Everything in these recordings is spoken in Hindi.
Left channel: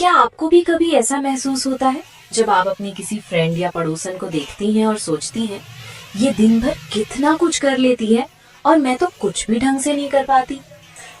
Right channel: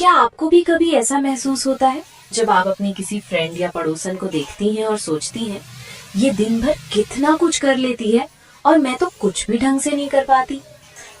क्या आपको भी कभी ऐसा महसूस होता है जब आप अपनी किसी फ्रेंड या पड़ोसन को देखती हैं और सोचती हैं, ये दिन भर कितना कुछ कर लेती है और मैं तो कुछ भी ढंग से नहीं कर पाती।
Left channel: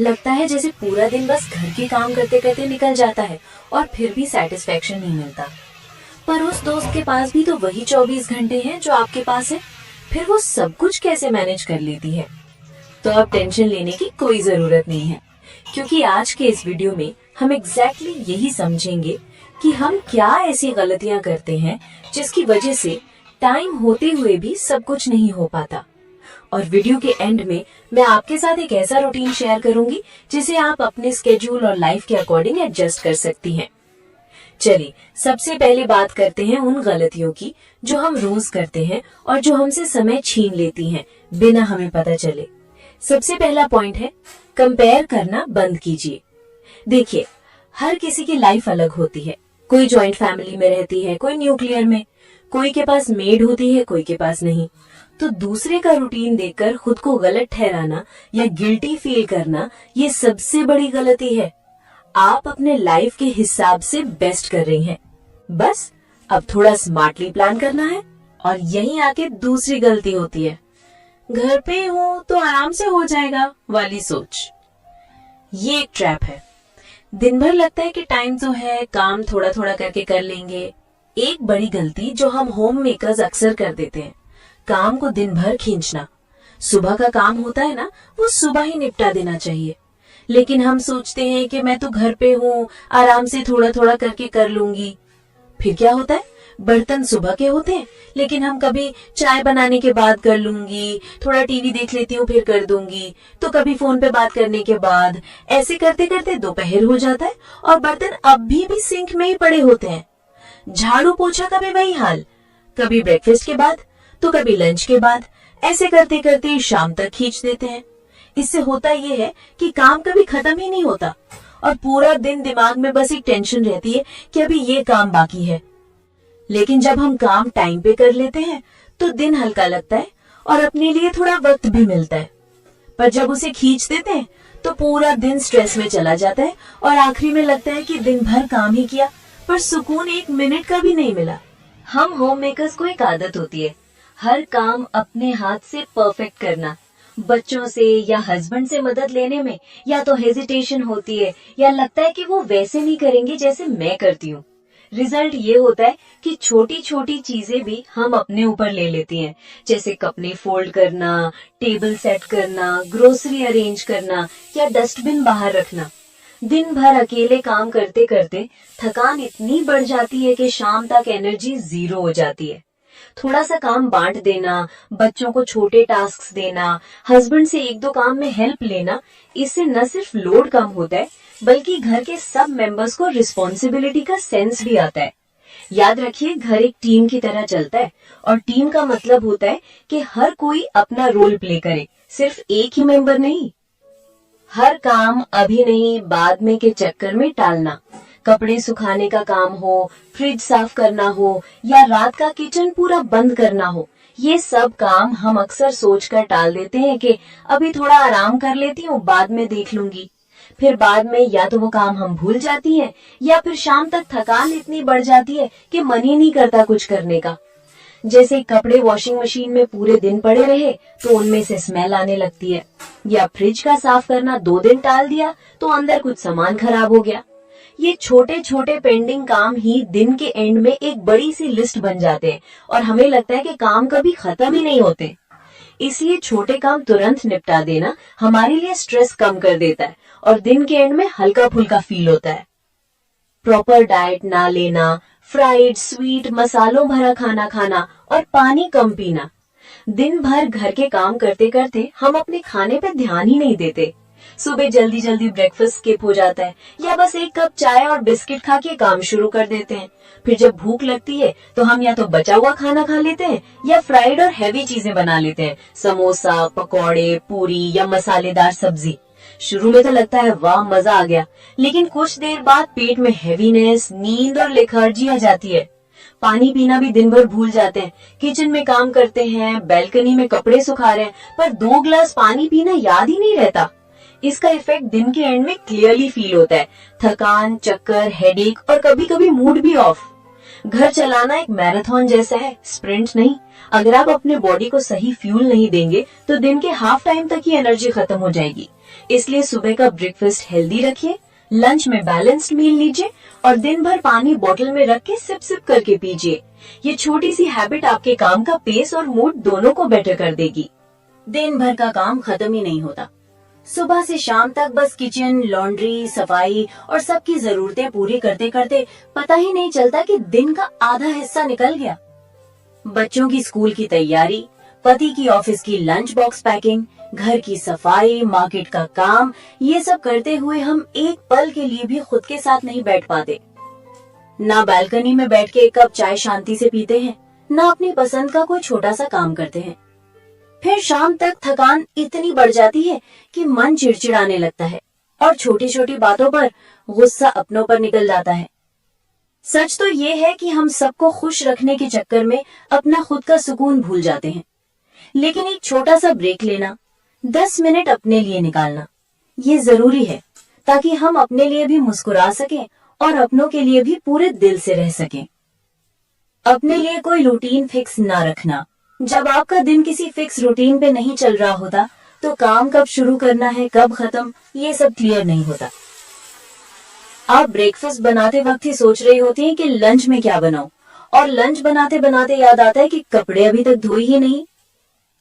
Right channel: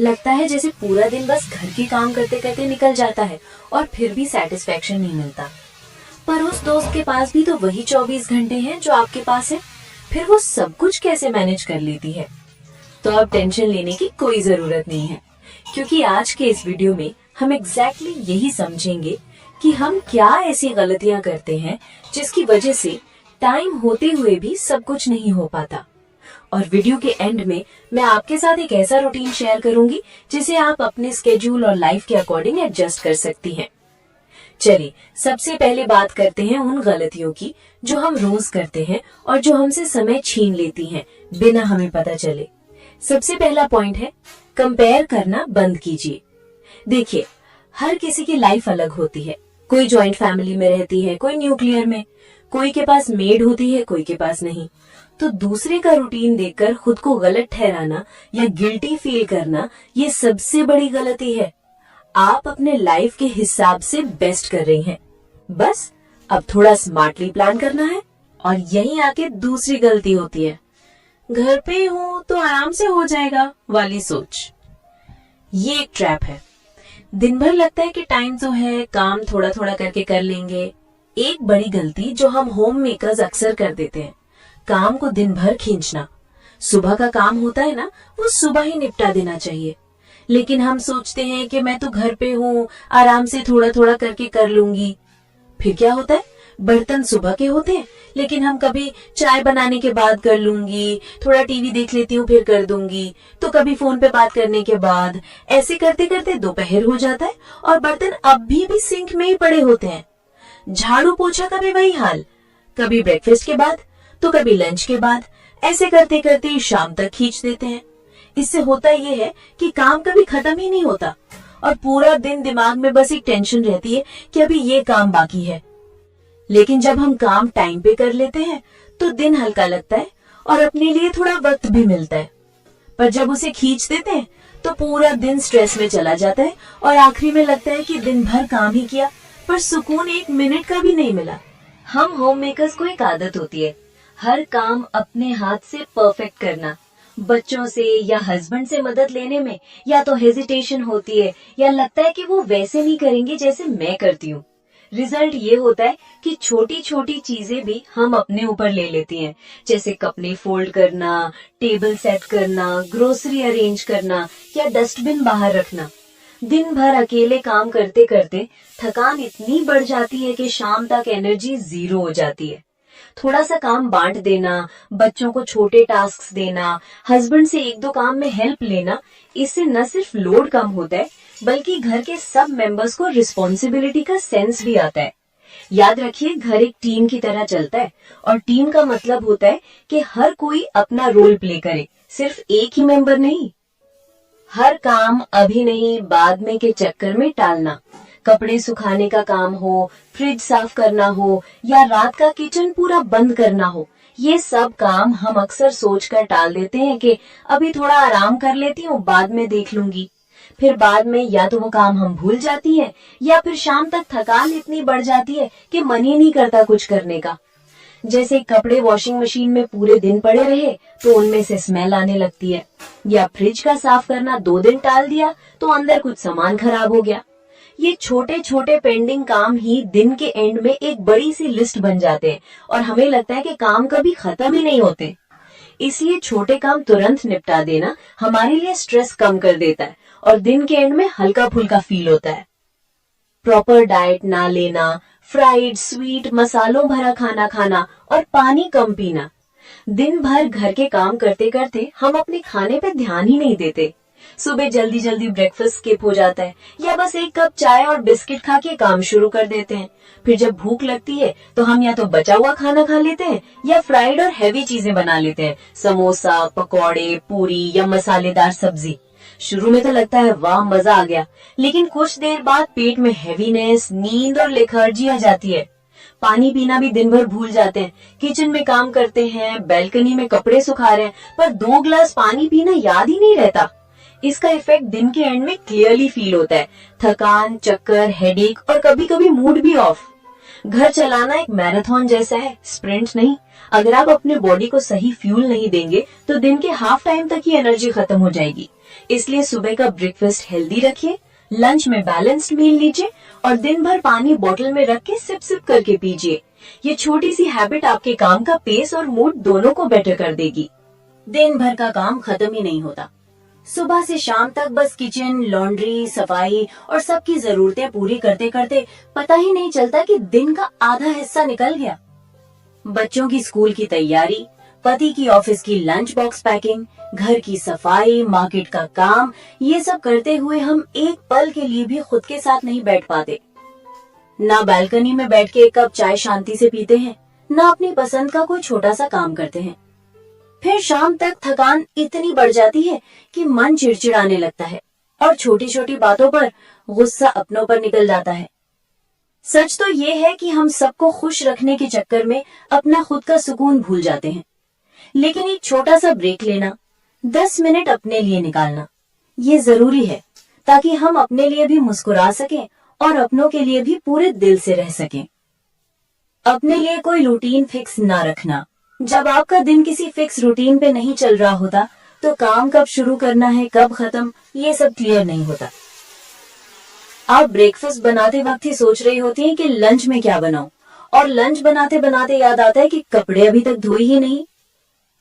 लगता है जैसे पूरा दिन बस घर के काम करते करते निकल जाता है और फिर भी सेटिस्फेक्शन नहीं मिलता। पर उस दोस्त के पास भी तो वही 24 घंटे हैं जो आपके पास है, फिर वो सब कुछ कैसे मैनेज कर लेती है। तो अब टेंशन लेने की कोई जरूरत नहीं है, क्योंकि आज के इस वीडियो में हम एग्जैक्टली यही समझेंगे कि हम क्या ऐसी गलतियां करते हैं जिसकी वजह से टाइम होते हुए भी सब कुछ नहीं हो पाता। और वीडियो के एंड में मैं आपके साथ एक ऐसा रूटीन शेयर करूंगी जिसे आप अपने स्केड्यूल और लाइफ के अकॉर्डिंग एडजस्ट कर सकती हैं। चलिए सबसे पहले बात करते हैं उन गलतियों की जो हम रोज करते हैं और जो हमसे समय छीन लेती हैं बिना हमें पता चले। सबसे पहला पॉइंट है, कंपेयर करना बंद कीजिए। देखिए, हर किसी की लाइफ अलग होती है। कोई जॉइंट फैमिली में रहती है, कोई न्यूक्लियर में, कोई के पास मेड होती है, कोई के पास नहीं। तो दूसरे का रूटीन देखकर खुद को गलत ठहराना या गिल्टी फील करना, ये सबसे बड़ी गलती है। आप अपने लाइफ के हिसाब से बेस्ट कर रही हैं, बस अब थोड़ा स्मार्टली प्लान करना है। और यहीं आके दूसरी गलती होती है, घर पे हूं तो आराम से हो जाएगा वाली सोच। ये एक ट्रैप है। दिन भर लगता है कि टाइम तो है, काम थोड़ा थोड़ा करके कर लेंगे। एक बड़ी गलती जो हम होम मेकर्स अक्सर कर देते हैं, काम को दिन भर खींचना। सुबह का काम होता है ना, वो सुबह ही निपटा देना चाहिए। लेकिन हम सोचते हैं कि मैं तो घर पे हूँ, आराम से थोड़ा थोड़ा करके कर लूंगी। फिर क्या होता है, बर्तन सुबह के होते हैं, लेकिन हम कभी चाय बनाने के बाद कर लूंगी, थोड़ा टीवी देख लेती हूँ फिर कर दूंगी, तो कभी फोन पे बात करने के बाद। ऐसे करते करते दोपहर हो जाता है और बर्तन अब भी सिंक में ही पड़े होते हैं। झाड़ू पोछा का भी वही हाल, कभी ब्रेकफास्ट के बाद तो कभी लंच के बाद। ऐसे करते करते शाम तक खींच देते हैं। इससे होता ये है कि काम कभी खत्म ही नहीं होता और पूरा दिन दिमाग में बस एक टेंशन रहती है कि अभी ये काम बाकी है। लेकिन जब हम काम टाइम पे कर लेते हैं तो दिन हल्का लगता है और अपने लिए थोड़ा वक्त भी मिलता है। पर जब उसे खींच देते हैं तो पूरा दिन स्ट्रेस में चला जाता है और आखिरी में लगता है कि दिन भर काम ही किया पर सुकून एक मिनट का भी नहीं मिला। हम होम मेकर्स को एक आदत होती है, हर काम अपने हाथ से परफेक्ट करना। बच्चों से या हस्बैंड से मदद लेने में या तो हेजिटेशन होती है या लगता है कि वो वैसे नहीं करेंगे जैसे मैं करती हूँ। रिजल्ट ये होता है कि छोटी छोटी चीजें भी हम अपने ऊपर ले लेती हैं, जैसे कपड़े फोल्ड करना, टेबल सेट करना, ग्रोसरी अरेंज करना या डस्टबिन बाहर रखना। दिन भर अकेले काम करते करते थकान इतनी बढ़ जाती है कि शाम तक एनर्जी जीरो हो जाती है। थोड़ा सा काम बांट देना, बच्चों को छोटे टास्क देना, हस्बैंड से एक दो काम में हेल्प लेना, इससे न सिर्फ लोड कम होता है बल्कि घर के सब मेंबर्स को रिस्पॉन्सिबिलिटी का सेंस भी आता है। याद रखिए, घर एक टीम की तरह चलता है और टीम का मतलब होता है कि हर कोई अपना रोल प्ले करे, सिर्फ एक ही मेंबर नहीं। हर काम अभी नहीं बाद में के चक्कर में टालना। कपड़े सुखाने का काम हो, फ्रिज साफ करना हो या रात का किचन पूरा बंद करना हो, ये सब काम हम अक्सर सोचकर टाल देते हैं कि अभी थोड़ा आराम कर लेती हूँ, बाद में देख लूंगी। फिर बाद में या तो वो काम हम भूल जाती हैं या फिर शाम तक थकान इतनी बढ़ जाती है कि मन ही नहीं करता कुछ करने का। जैसे कपड़े वॉशिंग मशीन में पूरे दिन पड़े रहे तो उनमें से स्मेल आने लगती है, या फ्रिज का साफ करना 2 दिन टाल दिया तो अंदर कुछ सामान खराब हो गया। ये छोटे छोटे पेंडिंग काम ही दिन के एंड में एक बड़ी सी लिस्ट बन जाते हैं और हमें लगता है कि काम कभी खत्म ही नहीं होते। इसलिए छोटे काम तुरंत निपटा देना हमारे लिए स्ट्रेस कम कर देता है और दिन के एंड में हल्का फुल्का फील होता है। प्रॉपर डाइट ना लेना, फ्राइड, स्वीट, मसालों भरा खाना खाना और पानी कम पीना। दिन भर घर के काम करते करते हम अपने खाने पे ध्यान ही नहीं देते। सुबह जल्दी जल्दी ब्रेकफास्ट स्किप हो जाता है या बस एक कप चाय और बिस्किट खा के काम शुरू कर देते हैं। फिर जब भूख लगती है तो हम या तो बचा हुआ खाना खा लेते हैं या फ्राइड और हैवी चीजें बना लेते हैं, समोसा, पकौड़े, पूरी या मसालेदार सब्जी। शुरू में तो लगता है वाह मजा आ गया, लेकिन कुछ देर बाद पेट में हैवीनेस, नींद और लेथार्जी आ जाती है। पानी पीना भी दिन भर भूल जाते हैं। किचन में काम करते हैं, बैल्कनी में कपड़े सुखा रहे हैं, पर 2 गिलास पानी पीना याद ही नहीं रहता। इसका इफेक्ट दिन के एंड में क्लियरली फील होता है। थकान, चक्कर, हेडेक और कभी कभी मूड भी ऑफ। घर चलाना एक मैराथन जैसा है, स्प्रिंट नहीं। अगर आप अपने बॉडी को सही फ्यूल नहीं देंगे तो दिन के हाफ टाइम तक ही एनर्जी खत्म हो जाएगी। इसलिए सुबह का ब्रेकफास्ट हेल्दी रखिए, लंच में बैलेंस्ड मील लीजिए और दिन भर पानी बोतल में रख के सिप सिप करके पीजिए। ये छोटी सी हैबिट आपके काम का पेस और मूड दोनों को बेटर कर देगी। दिन भर का काम खत्म ही नहीं होता। सुबह से शाम तक बस किचन, लॉन्ड्री, सफाई और सबकी जरूरतें पूरी करते करते पता ही नहीं चलता कि दिन का आधा हिस्सा निकल गया। बच्चों की स्कूल की तैयारी, पति की ऑफिस की लंच बॉक्स पैकिंग, घर की सफाई, मार्केट का काम, ये सब करते हुए हम एक पल के लिए भी खुद के साथ नहीं बैठ पाते। ना बालकनी में बैठ के एक कप चाय शांति से पीते हैं, ना अपनी पसंद का कोई छोटा सा काम करते हैं। फिर शाम तक थकान इतनी बढ़ जाती है कि मन चिड़चिड़ाने लगता है और छोटी छोटी बातों पर गुस्सा अपनों पर निकल जाता है। सच तो ये है कि हम सबको खुश रखने के चक्कर में अपना खुद का सुकून भूल जाते हैं। लेकिन एक छोटा सा ब्रेक लेना, 10 मिनट अपने लिए निकालना, ये जरूरी है ताकि हम अपने लिए भी मुस्कुरा सकें और अपनों के लिए भी पूरे दिल से रह सकें। अपने लिए कोई रूटीन फिक्स ना रखना। जब आपका दिन किसी फिक्स रूटीन पे नहीं चल रहा होता तो काम कब शुरू करना है, कब खत्म, ये सब क्लियर नहीं होता। आप ब्रेकफास्ट बनाते वक्त ही सोच रही होती हैं कि लंच में क्या बनाऊं, और लंच बनाते बनाते याद आता है कि कपड़े अभी तक धोई ही नहीं।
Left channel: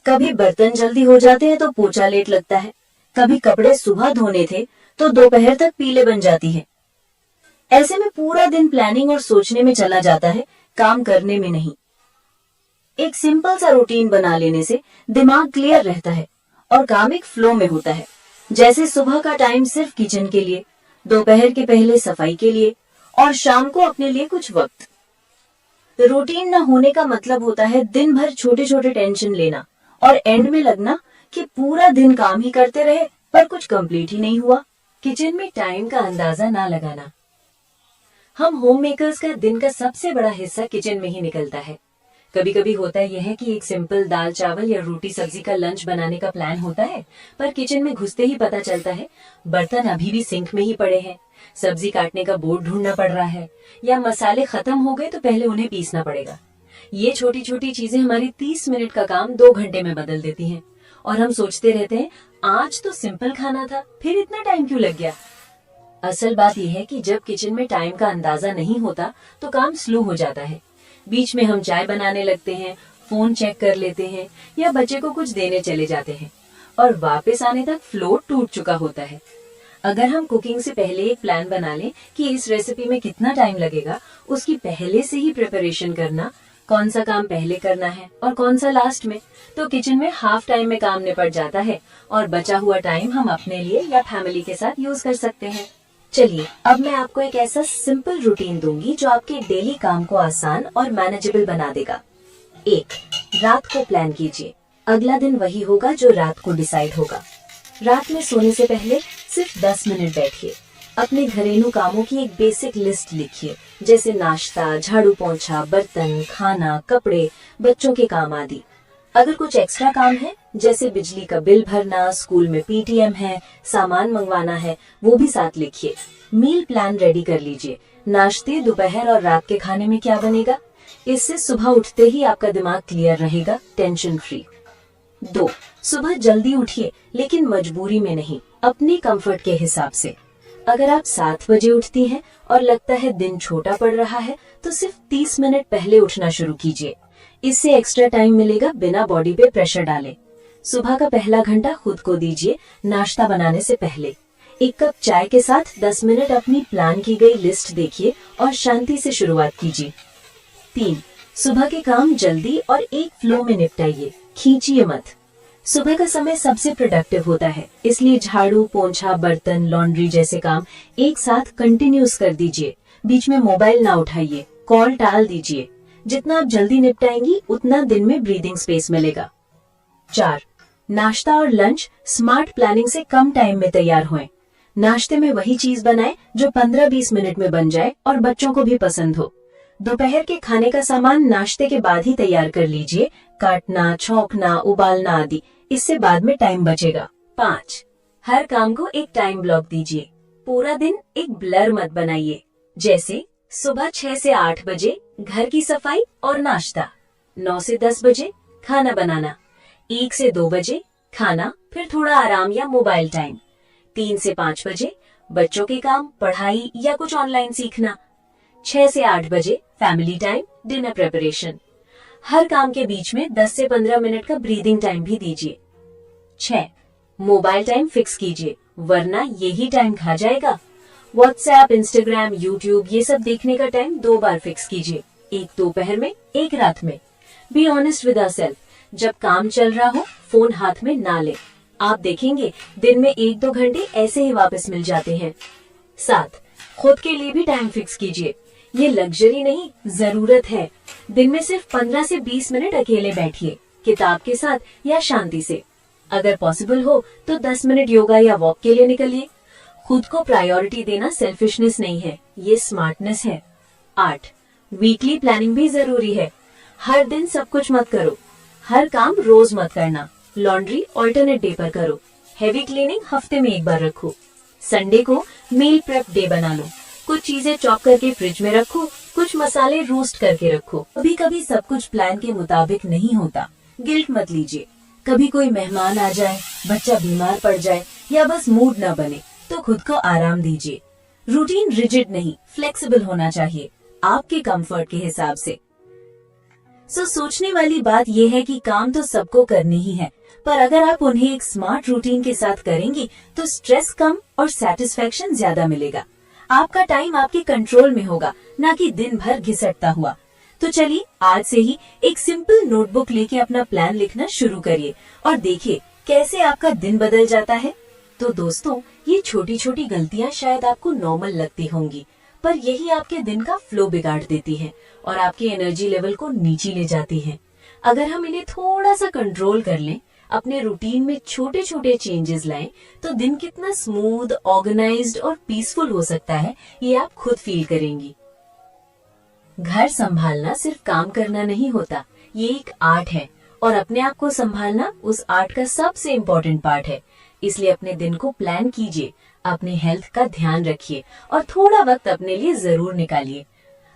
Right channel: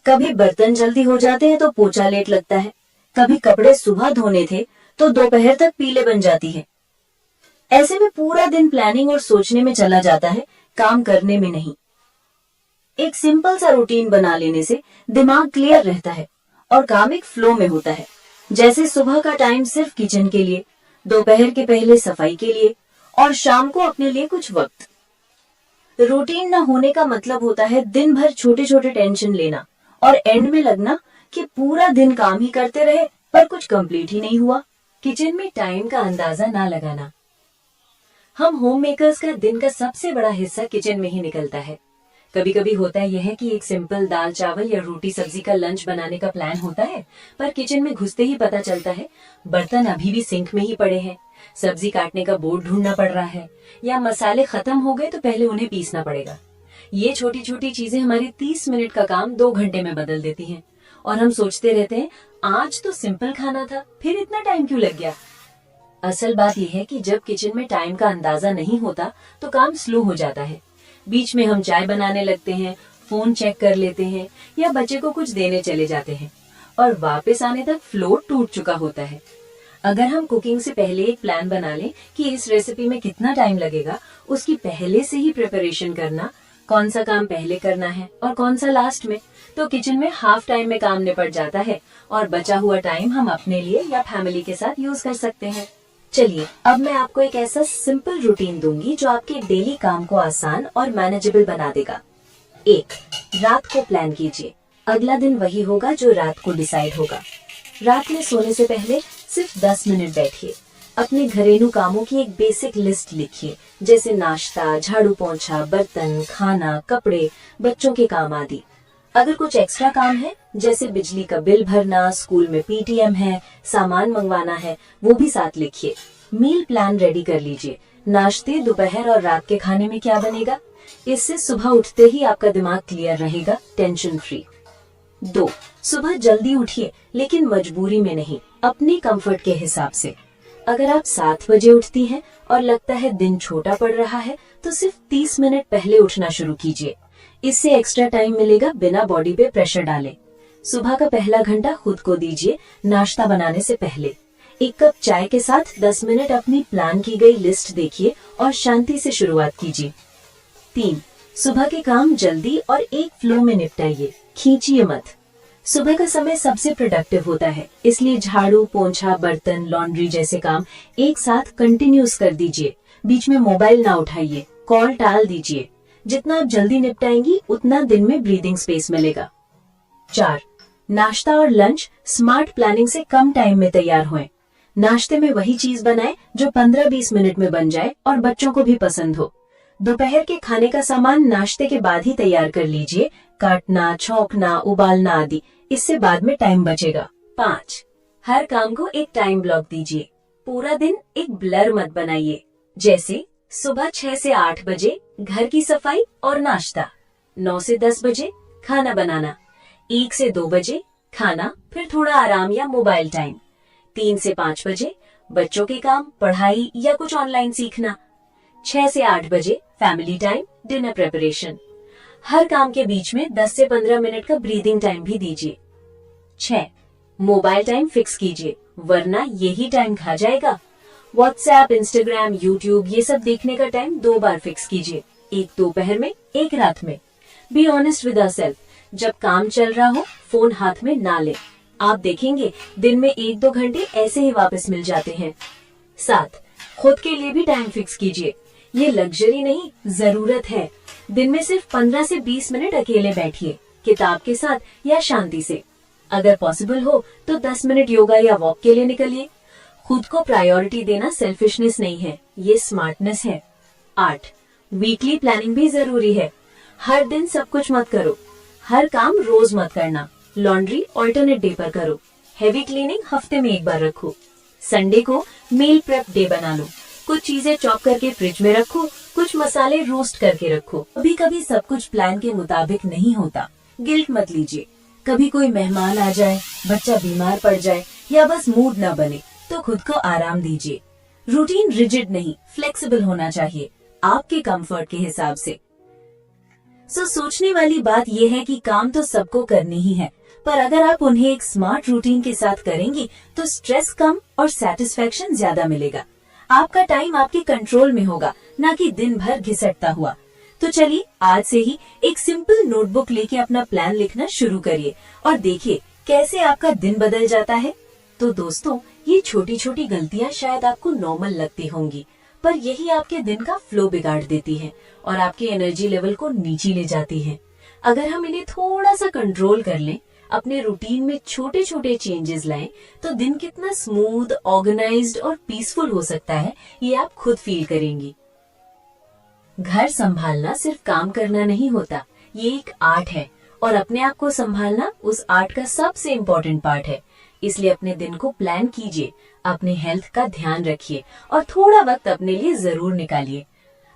कभी बर्तन जल्दी हो जाते हैं तो पोछा लेट लगता है, कभी कपड़े सुबह धोने थे तो दोपहर तक पीले बन जाती है। ऐसे में पूरा दिन प्लानिंग और सोचने में चला जाता है, काम करने में नहीं। एक सिंपल सा रूटीन बना लेने से दिमाग क्लियर रहता है और काम एक फ्लो में होता है। जैसे सुबह का टाइम सिर्फ किचन के लिए, दोपहर के पहले सफाई के लिए और शाम को अपने लिए कुछ वक्त। रूटीन न होने का मतलब होता है दिन भर छोटे छोटे टेंशन लेना और एंड में लगना कि पूरा दिन काम ही करते रहे पर कुछ कंप्लीट ही नहीं हुआ। किचन में टाइम का अंदाजा ना लगाना। हम होम मेकर्स का दिन का सबसे बड़ा हिस्सा किचन में ही निकलता है। कभी कभी होता यह है कि एक सिंपल दाल चावल या रोटी सब्जी का लंच बनाने का प्लान होता है, पर किचन में घुसते ही पता चलता है बर्तन अभी भी सिंक में ही पड़े हैं, सब्जी काटने का बोर्ड ढूंढना पड़ रहा है या मसाले खत्म हो गए तो पहले उन्हें पीसना पड़ेगा। ये छोटी छोटी चीजें हमारे 30 मिनट का काम 2 घंटे में बदल देती हैं और हम सोचते रहते हैं आज तो सिंपल खाना था, फिर इतना टाइम क्यों लग गया। असल बात यह है कि जब किचन में टाइम का अंदाजा नहीं होता तो काम स्लो हो जाता है। बीच में हम चाय बनाने लगते हैं, फोन चेक कर लेते हैं या बच्चे को कुछ देने चले जाते हैं और वापस आने तक फ्लो टूट चुका होता है। अगर हम कुकिंग से पहले एक प्लान बना लें कि इस रेसिपी में कितना टाइम लगेगा, उसकी पहले से ही प्रिपरेशन करना, कौन सा काम पहले करना है और कौन सा लास्ट में, तो किचन में हाफ टाइम में काम निपट जाता है और बचा हुआ टाइम हम अपने लिए या फैमिली के साथ यूज कर सकते हैं। चलिए अब मैं आपको एक ऐसा सिंपल रूटीन दूंगी जो आपके डेली काम को आसान और मैनेजेबल बना देगा। 1. रात को प्लान कीजिए। अगला दिन वही होगा जो रात को डिसाइड होगा। रात में सोने से पहले सिर्फ 10 मिनट बैठिए। अपने घरेलू कामों की एक बेसिक लिस्ट लिखिए, जैसे नाश्ता, झाड़ू पोंछा, बर्तन, खाना, कपड़े, बच्चों के काम आदि। अगर कुछ एक्स्ट्रा काम है जैसे बिजली का बिल भरना, स्कूल में पीटीएम है, सामान मंगवाना है, वो भी साथ लिखिए। मील प्लान रेडी कर लीजिए। नाश्ते, दोपहर और रात के खाने में क्या बनेगा। इससे सुबह उठते ही आपका दिमाग क्लियर रहेगा, टेंशन फ्री। 2. सुबह जल्दी उठिए, लेकिन मजबूरी में नहीं, अपनी कंफर्ट के हिसाब से। अगर आप 7 बजे उठती हैं और लगता है दिन छोटा पड़ रहा है तो सिर्फ 30 मिनट पहले उठना शुरू कीजिए। इससे एक्स्ट्रा टाइम मिलेगा बिना बॉडी पे प्रेशर डाले। सुबह का पहला घंटा खुद को दीजिए नाश्ता बनाने से पहले। 1 कप चाय के साथ 10 मिनट अपनी प्लान की गई लिस्ट देखिए और शांति से शुरुआत कीजिए। 3. सुबह के काम जल्दी और एक फ्लो में निपटाइए, खींचिए मत। सुबह का समय सबसे प्रोडक्टिव होता है, इसलिए झाड़ू, पोंछा, बर्तन, लॉन्ड्री जैसे काम एक साथ कंटिन्यूस कर दीजिए। बीच में मोबाइल ना उठाइए, कॉल टाल दीजिए। जितना आप जल्दी निपटाएंगी उतना दिन में ब्रीदिंग स्पेस मिलेगा। 4. नाश्ता और लंच स्मार्ट प्लानिंग से कम टाइम में तैयार होएं। नाश्ते में वही चीज बनाएं जो 15-20 मिनट में बन जाए और बच्चों को भी पसंद हो। दोपहर के खाने का सामान नाश्ते के बाद ही तैयार कर लीजिए, काटना, छौंकना, उबालना आदि, इससे बाद में टाइम बचेगा। 5. हर काम को एक टाइम ब्लॉक दीजिए। पूरा दिन एक ब्लर मत बनाइए। जैसे सुबह 6 से 8 बजे घर की सफाई और नाश्ता, 9 से 10 बजे खाना बनाना, 1 से 2 बजे खाना, फिर थोड़ा आराम या मोबाइल टाइम, 3 से 5 बजे बच्चों के काम, पढ़ाई या कुछ ऑनलाइन सीखना, 6 से 8 बजे फैमिली टाइम, डिनर प्रिपरेशन। हर काम के बीच में 10 से 15 मिनट का ब्रीदिंग टाइम भी दीजिए। 6. मोबाइल टाइम फिक्स कीजिए, वरना यही टाइम खा जाएगा। व्हाट्सएप, इंस्टाग्राम, यूट्यूब ये सब देखने का टाइम 2 बार फिक्स कीजिए, एक दोपहर में, एक रात में। बी ऑनेस्ट विद आवरसेल्फ, जब काम चल रहा हो फोन हाथ में ना ले। आप देखेंगे दिन में 1-2 घंटे ऐसे ही वापस मिल जाते हैं। 7. खुद के लिए भी टाइम फिक्स कीजिए। ये लग्जरी नहीं, जरूरत है। दिन में सिर्फ 15 से 20 मिनट अकेले बैठिए, किताब के साथ या शांति से। अगर पॉसिबल हो तो 10 मिनट योगा या वॉक के लिए निकलिए। खुद को प्रायोरिटी देना सेल्फिशनेस नहीं है, ये स्मार्टनेस है। 8. वीकली प्लानिंग भी जरूरी है। हर दिन सब कुछ मत करो, हर काम रोज मत करना। लॉन्ड्री ऑल्टरनेट डे पर करो, हेवी क्लीनिंग हफ्ते में एक बार रखो। संडे को मील प्रेप डे बना लो, कुछ चीजें चॉप करके फ्रिज में रखो, कुछ मसाले रोस्ट करके रखो। कभी कभी सब कुछ प्लान के मुताबिक नहीं होता, गिल्ट मत लीजिए। कभी कोई मेहमान आ जाए, बच्चा बीमार पड़ जाए या बस मूड न बने तो खुद को आराम दीजिए। रूटीन रिजिड नहीं, फ्लेक्सिबल होना चाहिए, आपके कंफर्ट के हिसाब से। सोचने वाली बात यह है कि काम तो सबको करनी ही है, पर अगर आप उन्हें एक स्मार्ट रूटीन के साथ करेंगी तो स्ट्रेस कम और सेटिस्फेक्शन ज्यादा मिलेगा। आपका टाइम आपके कंट्रोल में होगा, ना कि दिन भर घिसटता हुआ। तो चलिए आज से ही एक सिंपल नोटबुक लेके अपना प्लान लिखना शुरू करिए और देखिए कैसे आपका दिन बदल जाता है। तो दोस्तों, ये छोटी छोटी गलतियां शायद आपको नॉर्मल लगती होंगी, पर यही आपके दिन का फ्लो बिगाड़ देती हैं और आपके एनर्जी लेवल को नीचे ले जाती हैं। अगर हम इन्हें थोड़ा सा कंट्रोल कर लें, अपने रूटीन में छोटे छोटे चेंजेस लाएं, तो दिन कितना स्मूथ, ऑर्गेनाइज्ड और पीसफुल हो सकता है, ये आप खुद फील करेंगी। घर संभालना सिर्फ काम करना नहीं होता, ये एक आर्ट है और अपने आप को संभालना उस आर्ट का सबसे इम्पोर्टेंट पार्ट है। इसलिए अपने दिन को प्लान कीजिए, अपने हेल्थ का ध्यान रखिए और थोड़ा वक्त अपने लिए जरूर निकालिए।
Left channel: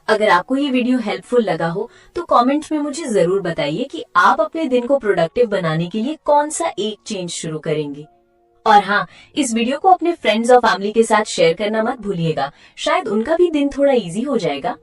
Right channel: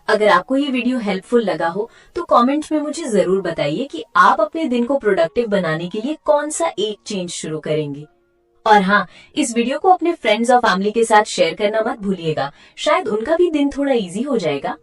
अगर आपको ये वीडियो हेल्पफुल लगा हो तो कमेंट में मुझे जरूर बताइए कि आप अपने दिन को प्रोडक्टिव बनाने के लिए कौन सा एक चेंज शुरू करेंगी। और हाँ, इस वीडियो को अपने फ्रेंड्स और फैमिली के साथ शेयर करना मत भूलिएगा, शायद उनका भी दिन थोड़ा इजी हो जाएगा।